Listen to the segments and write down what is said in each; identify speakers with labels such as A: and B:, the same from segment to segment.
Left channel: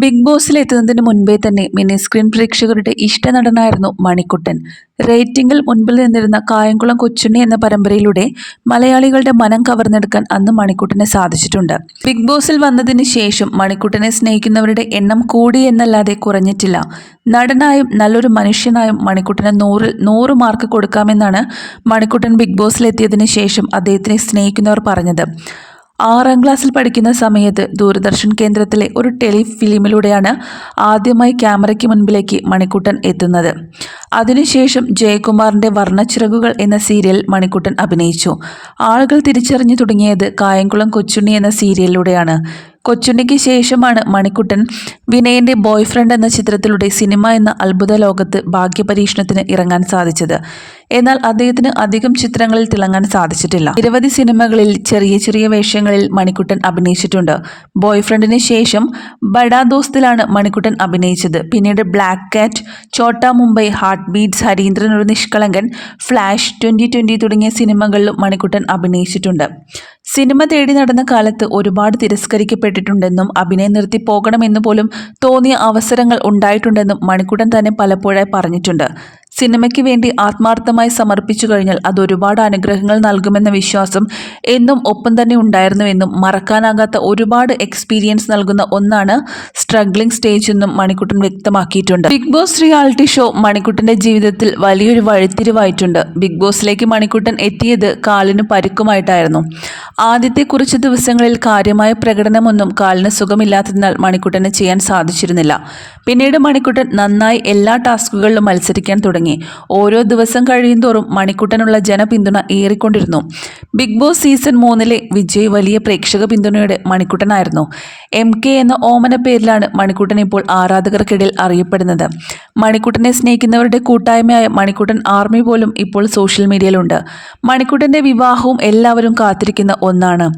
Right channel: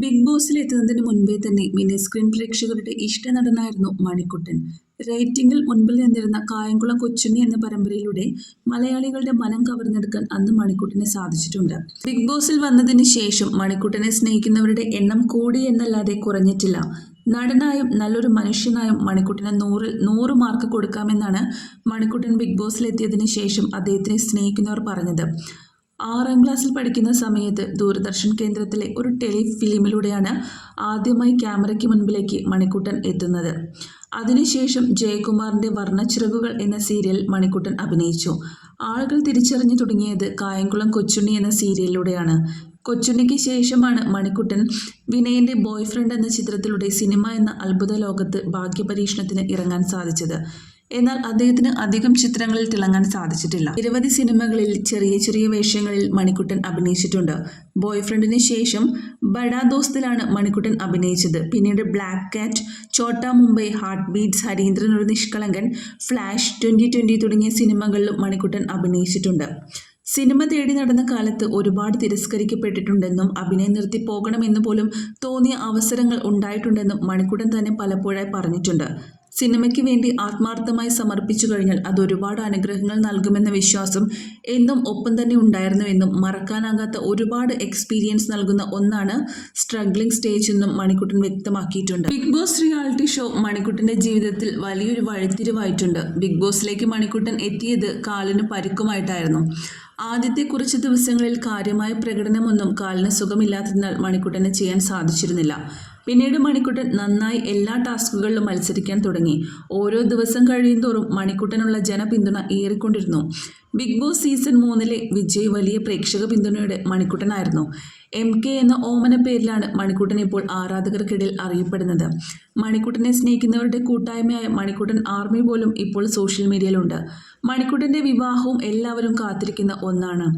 A: Big ബോസിൽ എത്തുന്നതിന് മുൻപേ തന്നെ മിനി സ്ക്രീൻ പ്രേക്ഷകരുടെ ഇഷ്ട നടനായിരുന്നു മണിക്കുട്ടൻ. റേറ്റിംഗിൽ മുൻപിൽ നിന്നിരുന്ന കായംകുളം കൊച്ചുണ്ണി എന്ന പരമ്പരയിലൂടെ മലയാളികളുടെ മനം കവർന്നെടുക്കാൻ അന്ന് മണിക്കുട്ടനെ സാധിച്ചിട്ടുണ്ട്. ബിഗ് ബോസിൽ വന്നതിന് ശേഷം മണിക്കുട്ടനെ സ്നേഹിക്കുന്നവരുടെ എണ്ണം കൂടി എന്നല്ലാതെ കുറഞ്ഞിട്ടില്ല. നടനായും നല്ലൊരു മനുഷ്യനായും മണിക്കുട്ടന് നൂറിൽ നൂറ് മാർക്ക് കൊടുക്കാമെന്നാണ് മണിക്കുട്ടൻ ബിഗ് ബോസിലെത്തിയതിന് ശേഷം അദ്ദേഹത്തിനെ സ്നേഹിക്കുന്നവർ പറഞ്ഞത്. ആറാം ക്ലാസ്സിൽ പഠിക്കുന്ന സമയത്ത് ദൂരദർശൻ കേന്ദ്രത്തിലെ ഒരു ടെലിഫിലിമിലൂടെയാണ് ആദ്യമായി ക്യാമറയ്ക്ക് മുൻപിലേക്ക് മണിക്കുട്ടൻ എത്തുന്നത്. അതിനുശേഷം ജയകുമാറിന്റെ വർണച്ചിറകുകൾ എന്ന സീരിയൽ മണിക്കുട്ടൻ അഭിനയിച്ചു. ആളുകൾ തിരിച്ചറിഞ്ഞു തുടങ്ങിയത് കായംകുളം കൊച്ചുണ്ണി എന്ന സീരിയലിലൂടെയാണ്. കൊച്ചുണ്ണിക്ക് ശേഷമാണ് മണിക്കുട്ടൻ വിനയന്റെ ബോയ്ഫ്രണ്ട് എന്ന ചിത്രത്തിലൂടെ സിനിമ എന്ന അത്ഭുത ലോകത്ത് ഭാഗ്യപരീക്ഷണത്തിന് ഇറങ്ങാൻ സാധിച്ചത്. എന്നാൽ അദ്ദേഹത്തിന് അധികം ചിത്രങ്ങളിൽ തിളങ്ങാൻ സാധിച്ചിട്ടില്ല. നിരവധി സിനിമകളിൽ ചെറിയ ചെറിയ വേഷങ്ങളിൽ മണിക്കുട്ടൻ അഭിനയിച്ചിട്ടുണ്ട്. ബോയ്ഫ്രണ്ടിന് ശേഷം ബഡാ ദോസ്തിലാണ് മണിക്കുട്ടൻ അഭിനയിച്ചത്. പിന്നീട് black cat Chotta Mumbai heart beats Harindran ഒരു നിഷ്കളങ്കൻ ഫ്ലാഷ് ട്വന്റി ട്വന്റി തുടങ്ങിയ സിനിമകളിലും മണിക്കുട്ടൻ അഭിനയിച്ചിട്ടുണ്ട്. സിനിമ തേടി നടന്ന കാലത്ത് ഒരുപാട് തിരസ്കരിക്കപ്പെട്ടിട്ടുണ്ടെന്നും അഭിനയം നിർത്തി പോകണമെന്ന് പോലും തോന്നിയ അവസരങ്ങൾ ഉണ്ടായിട്ടുണ്ടെന്നും മണിക്കുടൻ തന്നെ പലപ്പോഴായി പറഞ്ഞിട്ടുണ്ട്. സിനിമയ്ക്ക് വേണ്ടി ആത്മാർത്ഥമായി സമർപ്പിച്ചു കഴിഞ്ഞാൽ അത് ഒരുപാട് അനുഗ്രഹങ്ങൾ നൽകുമെന്ന വിശ്വാസം എന്നും ഒപ്പം തന്നെ ഉണ്ടായിരുന്നുവെന്നും മറക്കാനാകാത്ത ഒരുപാട് എക്സ്പീരിയൻസ് നൽകുന്ന ഒന്നാണ് സ്ട്രഗ്ലിംഗ് സ്റ്റേജ് എന്നും മണിക്കുട്ടൻ വ്യക്തമാക്കിയിട്ടുണ്ട്. ബിഗ് ബോസ് റിയാലിറ്റി ഷോ മണിക്കുട്ടന്റെ ജീവിതത്തിൽ വലിയൊരു വഴിത്തിരിവായിട്ടുണ്ട്. ബിഗ് ബോസിലേക്ക് മണിക്കുട്ടൻ എത്തിയത് കാലിന് പരുക്കുമായിട്ടായിരുന്നു. ആദ്യത്തെ കുറച്ച് ദിവസങ്ങളിൽ കാര്യമായ പ്രകടനമൊന്നും കാലിന് സുഖമില്ലാത്തതിനാൽ മണിക്കുട്ടന് ചെയ്യാൻ സാധിച്ചിരുന്നില്ല. പിന്നീട് മണിക്കുട്ടൻ നന്നായി എല്ലാ ടാസ്കുകളിലും മത്സരിക്കാൻ തുടങ്ങി. ഓരോ ദിവസം കഴിയുന്തോറും മണിക്കുട്ടനുള്ള ജനപിന്തുണ ഏറിക്കൊണ്ടിരുന്നു. ബിഗ് ബോസ് സീസൺ മൂന്നിലെ വിജയ് വലിയ പ്രേക്ഷക പിന്തുണയുടെ മണിക്കുട്ടനായിരുന്നു. എം കെ എന്ന ഓമന പേരിലാണ് മണിക്കുട്ടൻ ഇപ്പോൾ ആരാധകർക്കിടയിൽ അറിയപ്പെടുന്നത്. മണിക്കുട്ടനെ സ്നേഹിക്കുന്നവരുടെ കൂട്ടായ്മയായ മണിക്കുട്ടൻ ആർമി പോലും ഇപ്പോൾ സോഷ്യൽ മീഡിയയിലുണ്ട്. മണിക്കുട്ടന്റെ വിവാഹവും എല്ലാവരും കാത്തിരിക്കുന്ന ഒന്നാണ്.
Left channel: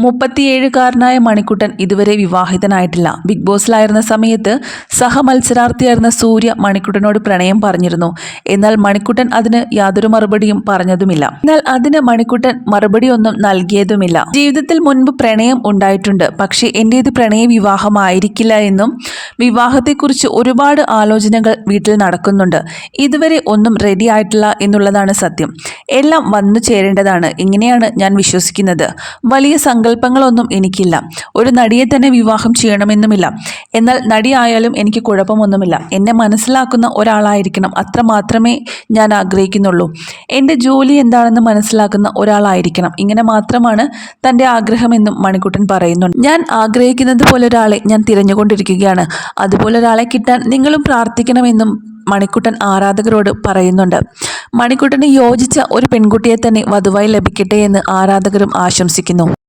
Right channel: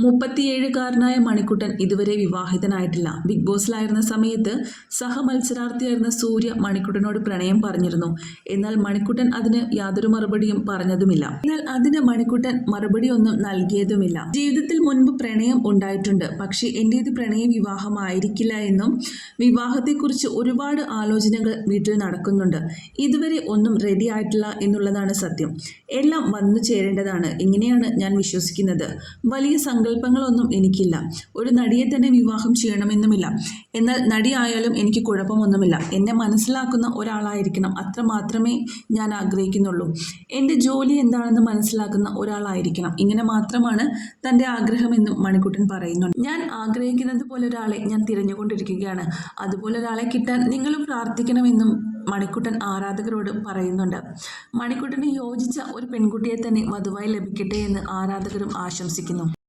A: മുപ്പത്തിയേഴുകാരനായ മണിക്കുട്ടൻ ഇതുവരെ വിവാഹിതനായിട്ടില്ല. ബിഗ് ബോസിലായിരുന്ന സമയത്ത് സഹമത്സരാർത്ഥിയായിരുന്ന സൂര്യ മണിക്കുട്ടനോട് പ്രണയം പറഞ്ഞിരുന്നു. എന്നാൽ മണിക്കുട്ടൻ അതിന് യാതൊരു മറുപടിയും പറഞ്ഞതുമില്ല. എന്നാൽ അതിന് മണിക്കുട്ടൻ മറുപടിയൊന്നും നൽകിയതുമില്ല. ജീവിതത്തിൽ മുൻപ് പ്രണയം ഉണ്ടായിട്ടുണ്ട്. പക്ഷേ എന്റേത് പ്രണയ വിവാഹമായിരിക്കില്ല എന്നും വിവാഹത്തെക്കുറിച്ച് ഒരുപാട് ആലോചനകൾ വീട്ടിൽ നടക്കുന്നുണ്ട്. ഇതുവരെ ഒന്നും റെഡി ആയിട്ടില്ല എന്നുള്ളതാണ് സത്യം. എല്ലാം വന്നു ചേരേണ്ടതാണ് ഇങ്ങനെയാണ് ഞാൻ വിശ്വസിക്കുന്നത്. വലിയ സങ്കല്പങ്ങളൊന്നും എനിക്കില്ല. ഒരു നടിയെ തന്നെ വിവാഹം ചെയ്യണമെന്നുമില്ല. എന്നാൽ നടിയായാലും എനിക്ക് കുഴപ്പമൊന്നുമില്ല. എന്നെ മനസ്സിലാക്കുന്ന ഒരാളായിരിക്കണം അത്ര മാത്രമേ ഞാൻ ആഗ്രഹിക്കുന്നുള്ളൂ. എന്റെ ജോലി എന്താണെന്ന് മനസ്സിലാക്കുന്ന ഒരാളായിരിക്കണം. ഇങ്ങനെ മാത്രമാണ് തന്റെ ആഗ്രഹമെന്നും മണിക്കുട്ടൻ പറയുന്നുണ്ട്. ഞാൻ ആഗ്രഹിക്കുന്നത് പോലെ ഒരാളെ ഞാൻ തിരഞ്ഞുകൊണ്ടിരിക്കുകയാണ്. അതുപോലെ ഒരാളെ കിട്ടാൻ നിങ്ങളും പ്രാർത്ഥിക്കണമെന്നും മണിക്കുട്ടൻ ആരാധകരോട് പറയുന്നുണ്ട്. മണിക്കുട്ടന് യോജിച്ച ഒരു പെൺകുട്ടിയെ തന്നെ വധുവായി ലഭിക്കട്ടെ എന്ന് ആരാധകരും ആശംസിക്കുന്നു.